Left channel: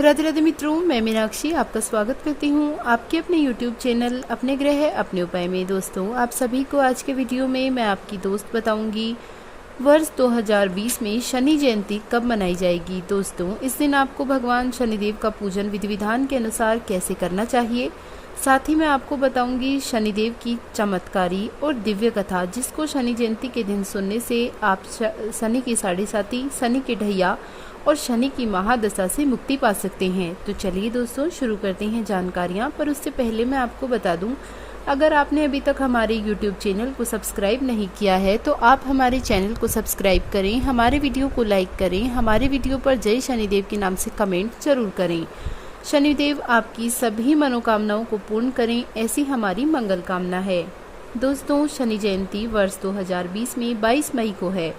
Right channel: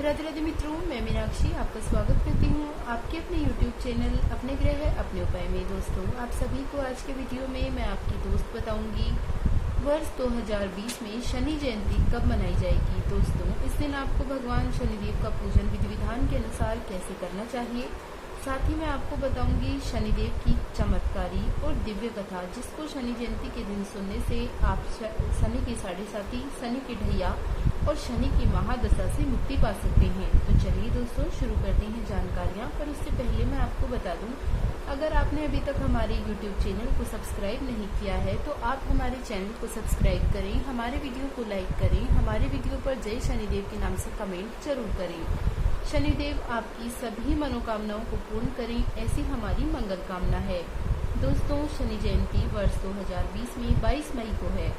राधे राधे मित्रों, मैं मीनाक्षी आपका स्वागत करती हूँ आपके अपने YouTube चैनल अपने ग्रह अपने उपाय में। दोस्तों, आप सभी को आज के वीडियो में मैं आपकी दोस्त बताऊंगी वर्ष 2020 में शनि जयंती कब मनाई जाएगी। दोस्तों, इस दिन आपको भगवान शनिदेव का पूजन विधि विधान के अनुसार कैसे करना चाहिए। साथ ही मैं आपको बताऊंगी शनिदेव की चमत्कारी और दिव्य कथा, जिसको शनि जयंती के दिन सुनने से आप शनि की साढ़े साती, शनि के ढैया और शनि की महादशा से मुक्ति पा सकते हैं। तो चलिए दोस्तों, शुरू करते हैं जानकारियाँ। पर उससे पहले मैं आपको बता दूं, अगर आपने अभी तक हमारे YouTube चैनल को सब्सक्राइब नहीं किया है तो आप हमारे चैनल को सब्सक्राइब करें, हमारे वीडियो को लाइक करें, हमारे वीडियो पर जय शनिदेव के नाम से कमेंट जरूर करें। शनिदेव आपकी सभी मनोकामनाओं को पूर्ण करें, ऐसी हमारी मंगल कामना है। दोस्तों, शनि जयंती वर्ष 2020 में 22 मई को है।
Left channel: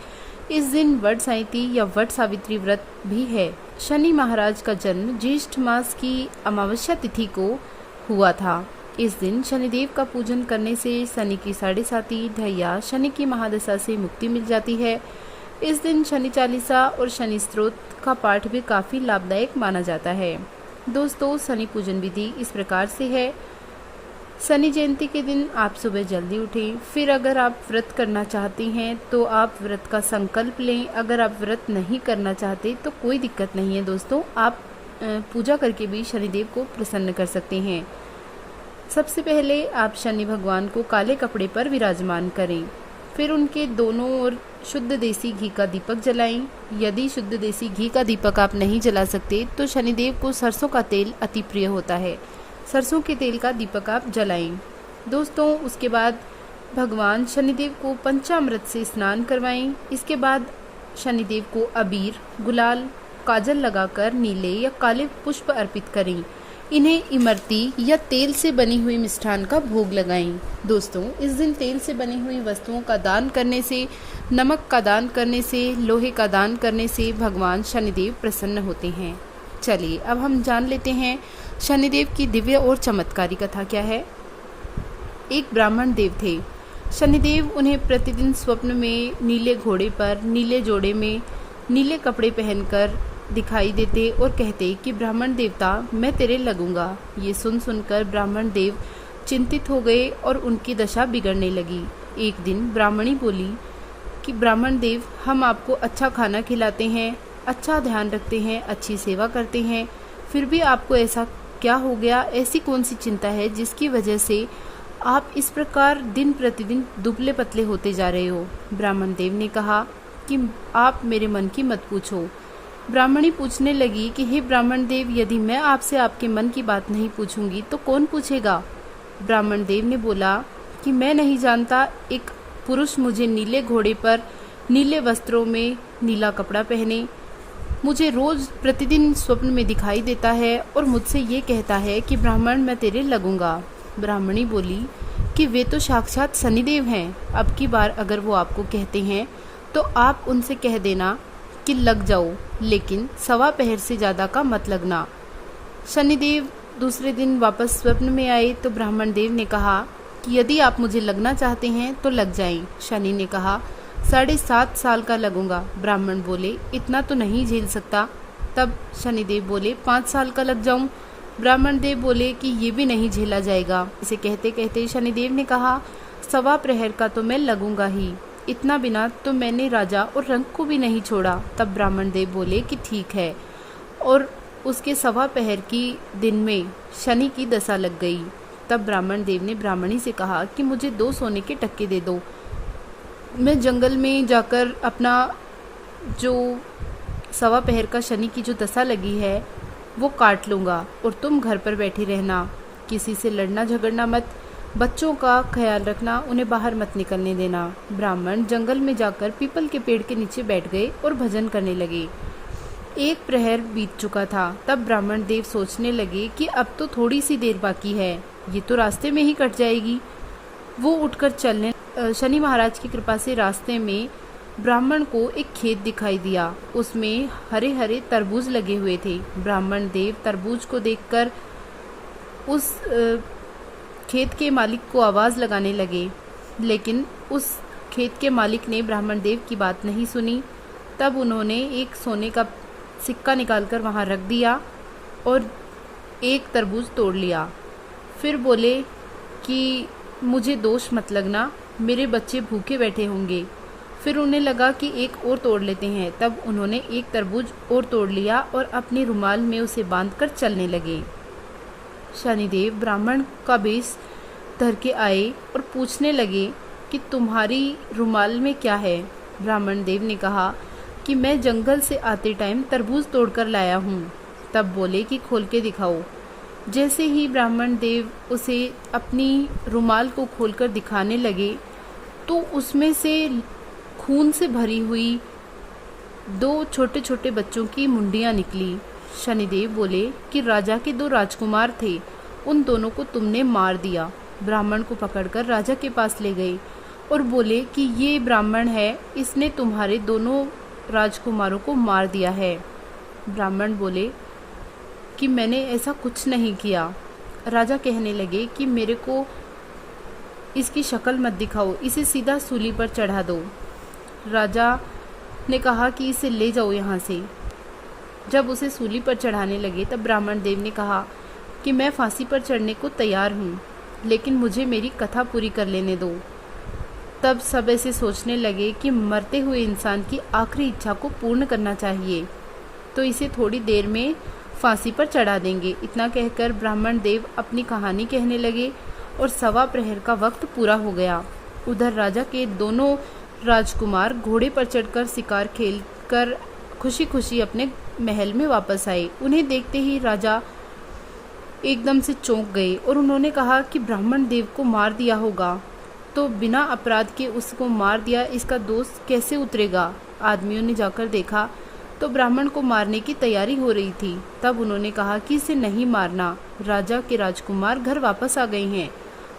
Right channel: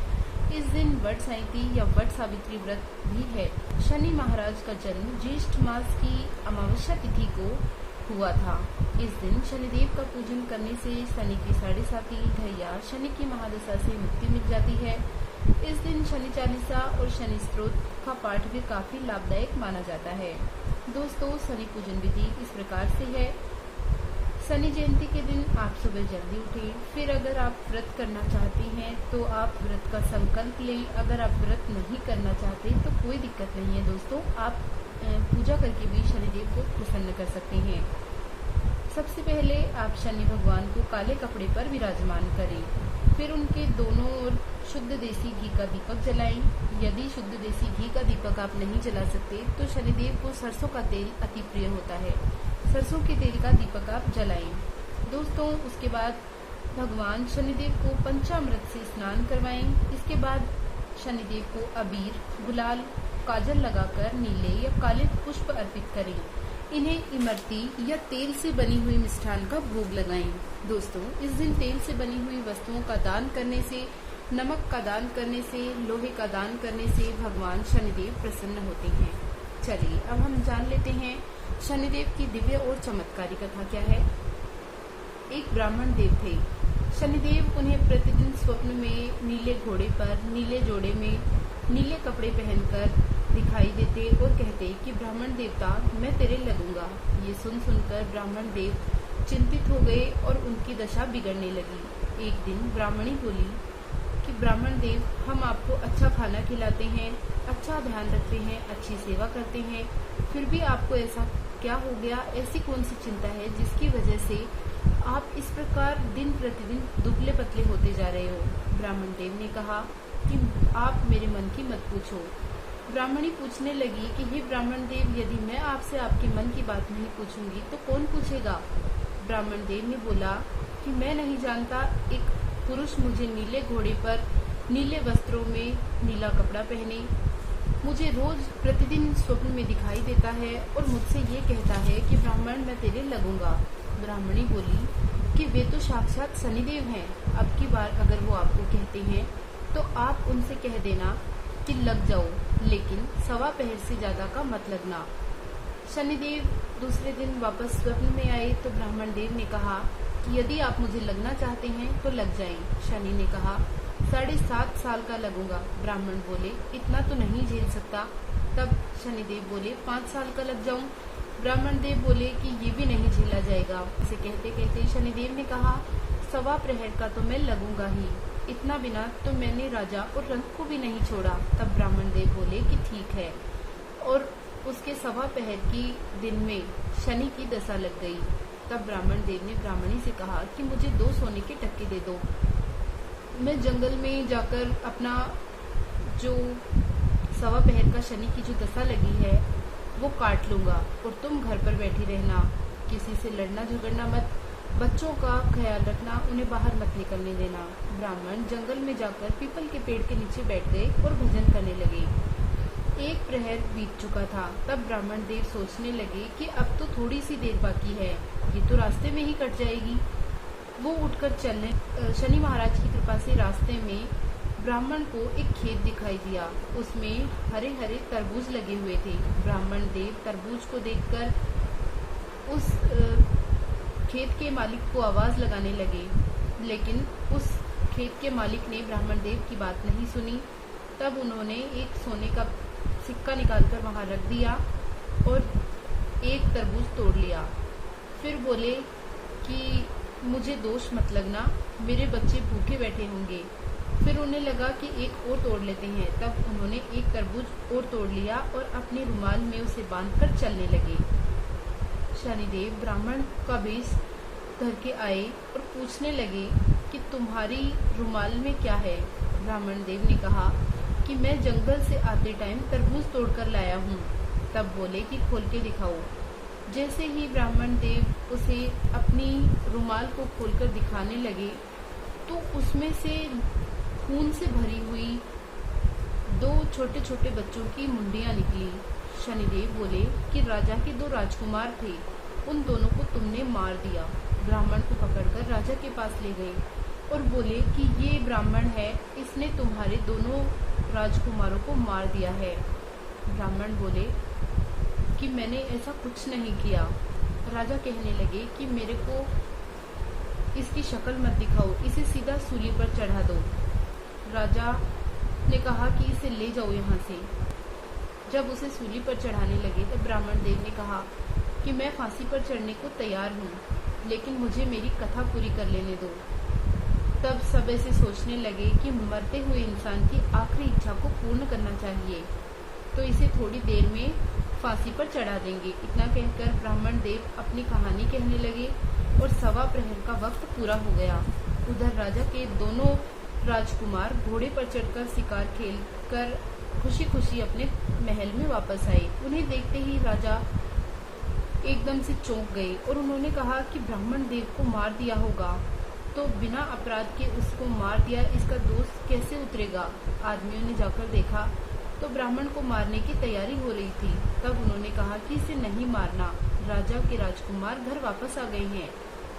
इस दिन वट सावित्री या वट सावित्री व्रत भी है। शनि महाराज का जन्म ज्येष्ठ मास की अमावस्या तिथि को हुआ था। इस दिन शनिदेव का पूजन करने से शनि की साढ़े साती, ढैया, शनि की महादशा से मुक्ति मिल जाती है। इस दिन शनि चालीसा और शनि स्तोत्र का पाठ भी काफ़ी लाभदायक माना जाता है। दोस्तों, शनि पूजन विधि इस प्रकार से है। शनि जयंती के दिन आप सुबह जल्दी उठें। फिर अगर आप व्रत करना चाहती हैं तो आप व्रत का संकल्प लें। अगर आप व्रत नहीं करना चाहते तो कोई दिक्कत नहीं है दोस्तों, आप पूजा करके भी शनिदेव को प्रसन्न कर सकते हैं। सबसे पहले आप शनि भगवान को काले कपड़े पर विराजमान करें। फिर उनके दोनों ओर शुद्ध देसी घी का दीपक जलाएं। यदि शुद्ध देसी घी का दीपक आप नहीं जला सकते तो शनिदेव को सरसों का तेल अति प्रिय होता है। सरसों के तेल का दीपक आप जलाएं। दोस्तों, उसके बाद भगवान शनिदेव को पंचामृत से स्नान करवाएं। इसके बाद शनिदेव को अबीर, गुलाल, काजल लगाकर नीले या काले पुष्प अर्पित करें। इन्हें इमरती या तेल से बनी हुई मिष्ठान का भोग लगाएं। दोस्तों, इस दिन तेल से बनी हुई वस्तुओं का दान करने से, नमक का दान करने से, लोहे का दान करने से भगवान शनिदेव प्रसन्न होते हैं। चलिए अब हम जान लेते हैं शनिदेव की दिव्य और चमत्कारी कथा क्या है। एक ब्राह्मण देव थे। शनिदेव उन्हें प्रतिदिन स्वप्न में नीले घोड़े पर, नीले जोड़े में, नीले कपड़े पहनकर दिखाई देते और कहते कि ब्राह्मण देवता, मैं तेरे लगूंगा। ये सुनकर ब्राह्मण देव चिंतित हो गए और उनकी दशा बिगड़ने लगी। एक दिन ब्राह्मणी बोली कि ब्राह्मण देव, हम आपको अच्छा खाना खिलाते हैं, अच्छा ध्यान रखते हैं, अच्छी सेवा करते हैं, फिर भी आपको ऐसा क्या हो गया? ऐसी कौन सी चिंता है जिसकी वजह से आप इस प्रकार दिन प्रतिदिन दुबले पतले होते जा रहे हो? ब्राह्मण देव ने कहा कि आप मेरे मन की मत पूछो। ब्राह्मणी पूछने लगी कि हे ब्राह्मण देव, यदि मैं आपसे आपके मन की बात नहीं पूछूंगी तो कौन पूछेगा? ब्राह्मण देव ने बोला कि मैं नहीं जानता, एक पुरुष मुझे नीले घोड़े पर, नीले वस्त्रों में, नीला कपड़ा पहने मुझे रोज प्रतिदिन स्वप्न में दिखाई देता है और मुझसे ये कहता है कि ब्राह्मण, मैं तेरे लगूंगा। ब्राह्मणी बोली कि वे तो साक्षात शनिदेव हैं। अब की बार अगर वो आपको कहते हैं तो आप उनसे कह देना कि लग जाओ, लेकिन सवा पहर से ज़्यादा का मत लगना। शनिदेव दूसरे दिन वापस स्वप्न में आए तो ब्राह्मण देव ने कहा कि यदि आप मुझे लगना चाहते हैं तो लग जाएं। शनि ने कहा 7.5 साल का लगूंगा। ब्राह्मण बोले इतना तो नहीं झेल सकता। तब शनिदेव बोले 5 साल का लग जाऊं। ब्राह्मण देव बोले कि ये भी नहीं झेला जाएगा। इसे कहते कहते शनिदेव ने कहा सवा प्रहर का तो मैं लगूंगा ही, इतना बिना तो मैंने राजा और रंग को भी नहीं छोड़ा। तब ब्राह्मण देव बोले कि ठीक है, और उसके सवा प्रहर की दिन में शनि की दशा लग गई। तब ब्राह्मण देव ने ब्राह्मणी से कहा कि मुझे 2 सोने के टक्के दे दो, मैं जंगल में जाकर अपना जो सवा पहर का शनि की जो दशा लगी है वो काट लूँगा, और तुम घर पर बैठी रहना, किसी से लड़ना झगड़ना मत, बच्चों का ख्याल रखना, उन्हें बाहर मत निकलने देना। ब्राह्मण जंगल में जाकर पीपल के पेड़ के नीचे बैठ गए और भजन करने लगे। 1 प्रहर बीत चुका था। तब ब्राह्मण देव सोचने लगे कि अब तो थोड़ी सी देर बाकी है, ये तो रास्ते में ही कट जाएगी। वो उठकर चलने, शनि महाराज की कृपा से रास्ते में ब्राह्मण को एक खेत दिखाई दिया। उसमें हरे हरे तरबूज लगे हुए थे। ब्राह्मण देव तरबूज को देखकर उस खेत के मालिक को आवाज़ लगाने लगे, लेकिन उस खेत के मालिक ने ब्राह्मण देव की बात नहीं सुनी। तब उन्होंने एक सोने का सिक्का निकालकर वहाँ रख दिया और एक तरबूज तोड़ लिया। फिर बोले कि मुझे दोष मत लगना, मेरे बच्चे भूखे बैठे होंगे। फिर उन्हें लगा कि एक और तोड़ लेते हैं। तब उन्होंने एक तरबूज और तोड़ लिया और अपने रुमाल में उसे बांधकर चलने लगे। शनिदेव ब्राह्मण का वेश धर के आए और पूछने लगे कि तुम्हारी रुमाल में क्या है। ब्राह्मण देव ने कहा कि मैं जंगल से आते टाइम तरबूज तोड़कर लाया हूँ। तब बोले कि खोल के दिखाओ। जैसे ही ब्राह्मण देव उसे अपनी रुमाल को खोलकर दिखाने लगे तो उसमें से खून से भरी हुई 2 छोटे छोटे बच्चों की मुंडियाँ निकली। शनिदेव बोले कि राजा के 2 राजकुमार थे, उन दोनों को तुमने मार दिया। ब्राह्मण को पकड़कर राजा के पास ले गए और बोले कि ये ब्राह्मण है, इसने तुम्हारे दोनों राजकुमारों को मार दिया है। ब्राह्मण बोले कि मैंने ऐसा कुछ नहीं किया। राजा कहने लगे कि मेरे को इसकी शक्ल मत दिखाओ, इसे सीधा सूली पर चढ़ा दो। राजा ने कहा कि इसे ले जाओ यहाँ से। जब उसे सूली पर चढ़ाने लगे तब ब्राह्मण देव ने कहा कि मैं फांसी पर चढ़ने को तैयार हूँ, लेकिन मुझे मेरी कथा पूरी कर लेने दो। तब सब ऐसे सोचने लगे कि मरते हुए इंसान की आखिरी इच्छा को पूर्ण करना चाहिए, तो इसे थोड़ी देर में फांसी पर चढ़ा देंगे। इतना कहकर ब्राह्मण देव अपनी कहानी कहने लगे और 1.25 प्रहर का वक्त पूरा हो गया। उधर राजा के दोनों राजकुमार घोड़े पर चढ़कर शिकार खेलकर खुशी खुशी अपने महल में वापस आए। उन्हें देखते ही राजा एकदम से चौंक गए और उन्होंने कहा कि ब्राह्मण देव को मार दिया होगा, तो बिना अपराध के उसको मार दिया, इसका दोष कैसे उतरेगा। आदमियों ने जाकर देखा तो ब्राह्मण को मारने की तैयारी हो रही थी। तब उन्होंने कहा कि इसे नहीं मारना, राजा के राजकुमार घर वापस आ गए हैं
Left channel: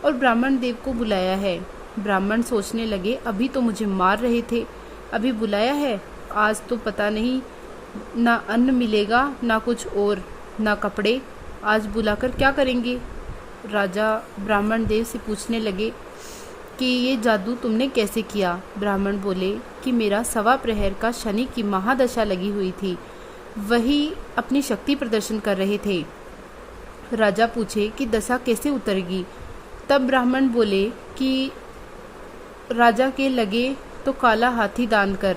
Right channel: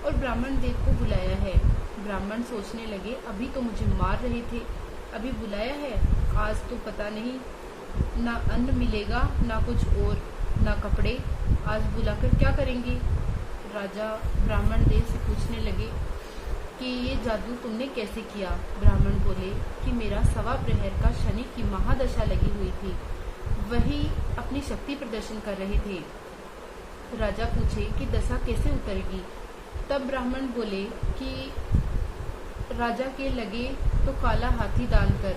और ब्राह्मण देव को बुलाया है। ब्राह्मण सोचने लगे अभी तो मुझे मार रहे थे, अभी बुलाया है, आज तो पता नहीं ना अन्न मिलेगा ना कुछ और ना कपड़े, आज बुलाकर क्या करेंगे। राजा ब्राह्मण देव से पूछने लगे कि ये जादू तुमने कैसे किया। ब्राह्मण बोले कि मेरा 1.25 प्रहर का शनि की महादशा लगी हुई थी, वही अपनी शक्ति प्रदर्शन कर रहे थे। राजा पूछे कि दशा कैसे उतरेगी। तब ब्राह्मण बोले कि राजा के लगे तो काला हाथी दान कर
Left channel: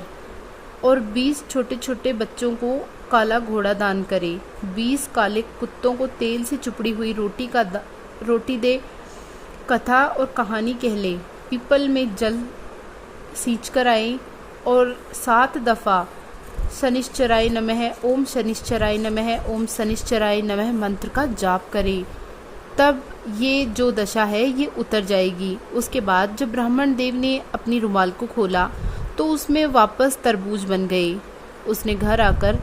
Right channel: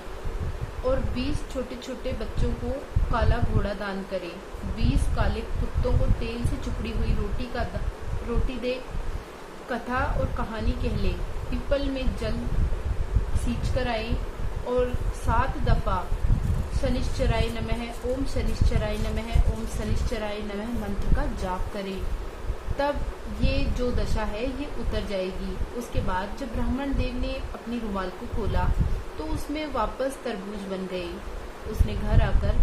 और 20 छोटे छोटे बच्चों को काला घोड़ा दान करे, 20 काले कुत्तों को तेल से चुपड़ी हुई रोटी दे, कथा और कहानी कह ले, पीपल में जल सींच कर आए और 7 दफ़ा शनिश्चराय नमः, ओम शनिश्चराय नमः, ओम शनिश्चराय नमः मंत्र का जाप करे। तब ये जो दशा है ये उतर जाएगी। उसके बाद जब ब्राह्मण देव ने अपनी रुमाल को खोला तो उसमें वापस तरबूज बन गए। उसने घर आकर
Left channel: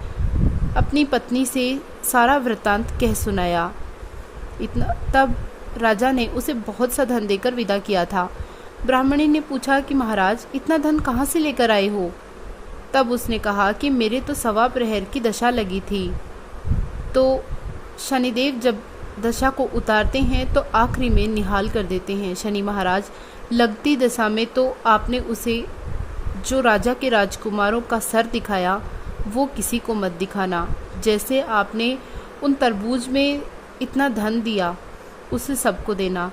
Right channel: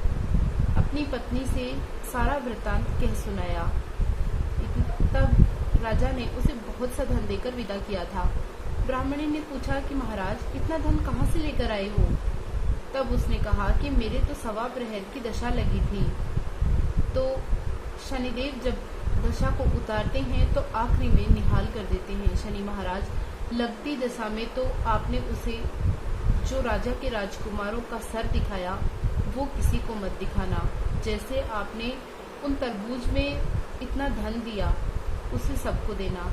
अपनी पत्नी से सारा वृत्तांत कह सुनाया। तब राजा ने उसे बहुत सा धन देकर विदा किया था। ब्राह्मणी ने पूछा कि महाराज इतना धन कहाँ से लेकर आए हो। तब उसने कहा कि मेरे तो 1.25 प्रहर की दशा लगी थी, तो शनिदेव जब दशा को उतारते हैं तो आखिरी में निहाल कर देते हैं। शनि महाराज लगती दशा में तो आपने उसे जो राजा के राजकुमारों का सर दिखाया वो किसी को मत दिखाना। जैसे आपने उन तरबूज में इतना धन दिया उसे सबको देना।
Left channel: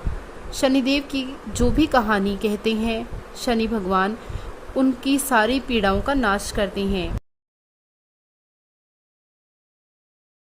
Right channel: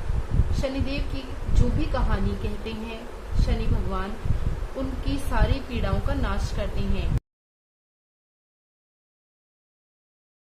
शनिदेव की जो भी कहानी कहते हैं शनि भगवान उनकी सारी पीड़ाओं का नाश करते हैं।